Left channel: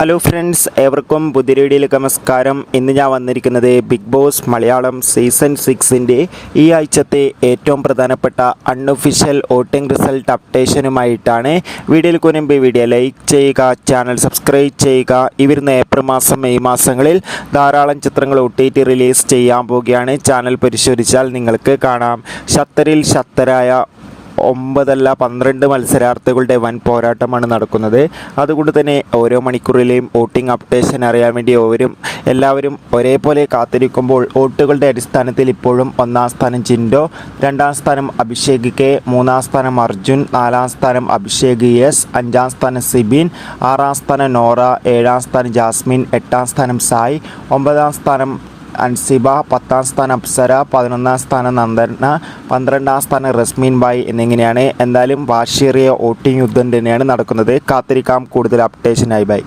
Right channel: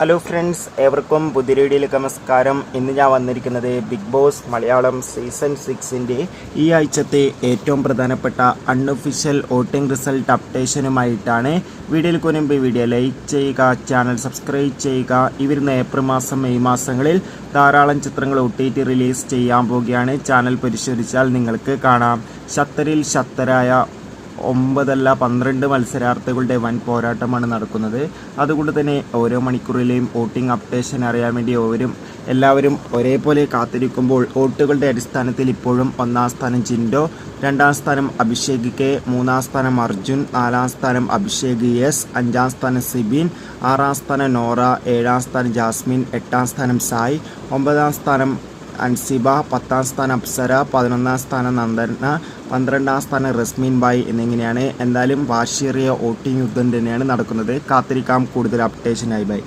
Hello friends, ഏവർക്കും പുതിയ വീഡിയോയിലേക്ക് നമസ്കാരം. ഇന്ന് ഞാൻ വന്നിരിക്കുന്നത് ബിഗ് ബോസ് മലയാളം സീസൺ 6ൻ്റെ ഈ ആഴ്ചത്തെ ഏറ്റവും പ്രധാനപ്പെട്ട അൺഒഫീഷ്യൽ വോട്ടിംഗ് റിസൾട്ട് അപ്ഡേഷനുമായിട്ടാണ്. വീഡിയോയിൽ മുൻപ് വീഡിയോ ലൈക്ക് ചെയ്യുക, ചാനൽ സബ്സ്ക്രൈബ് ചെയ്യുക. ഇവരുന്ന ഏപ്രിൽ മാസം മെയ് മാസങ്ങളിൽ ധാരാളം ചിത്രങ്ങൾ OTT റിലീസ് ചെയ്യാൻ പോവുകയാണ്. ചാനൽ പരിശോധിച്ചാൽ നിങ്ങൾക്ക് കാണാം. ശക്തരിൽ ശക്തരായ 9 അല്ല 12 മത്സരാർത്ഥികളുടെ വൻ പോരാട്ടമാണ് നടക്കുന്നത്. അതുകൊണ്ട് തന്നെ ഓരോ മണിക്കൂറിലെയും വോട്ടിംഗ് അപ്ഡേഷൻ അറിയാൻ വേണ്ടി എല്ലാവരും ഒരേപോലെ കാത്തിരിക്കുമ്പോൾ വോട്ടുകളുടെ അടിസ്ഥാനത്തിൽ ഇപ്പോഴും 1-ാം സ്ഥാനം ജിൻഡോ, 2-ാം സ്ഥാനം അഭിഷേക് കെ, 3-ാം സ്ഥാനം അർജുൻ, 4-ാം സ്ഥാനം അഭിഷേക് എസ്, 5-ാം സ്ഥാനം സിബിൻ, 6-ാം സ്ഥാനം നോറ, 7-ാം സ്ഥാനം ജാസ്മിൻ, 8-ാം സ്ഥാനം സായ്, 9-ാം സ്ഥാനം അൻസിബ, 10-ാം സ്ഥാനം അപ്സര, 11-ാം സ്ഥാനം നന്ദന, 12-ാം സ്ഥാനം റസ്മീൻ ബായ് എന്നിങ്ങനെയാണ്. എന്തായാലും വാശിയേറിയ വോട്ടിംഗ് യുദ്ധം തന്നെയാണ് നടക്കുന്നത്. കാത്തിരിക്കാം കൂടുതൽ അപ്ഡേഷനായി. ബൈ.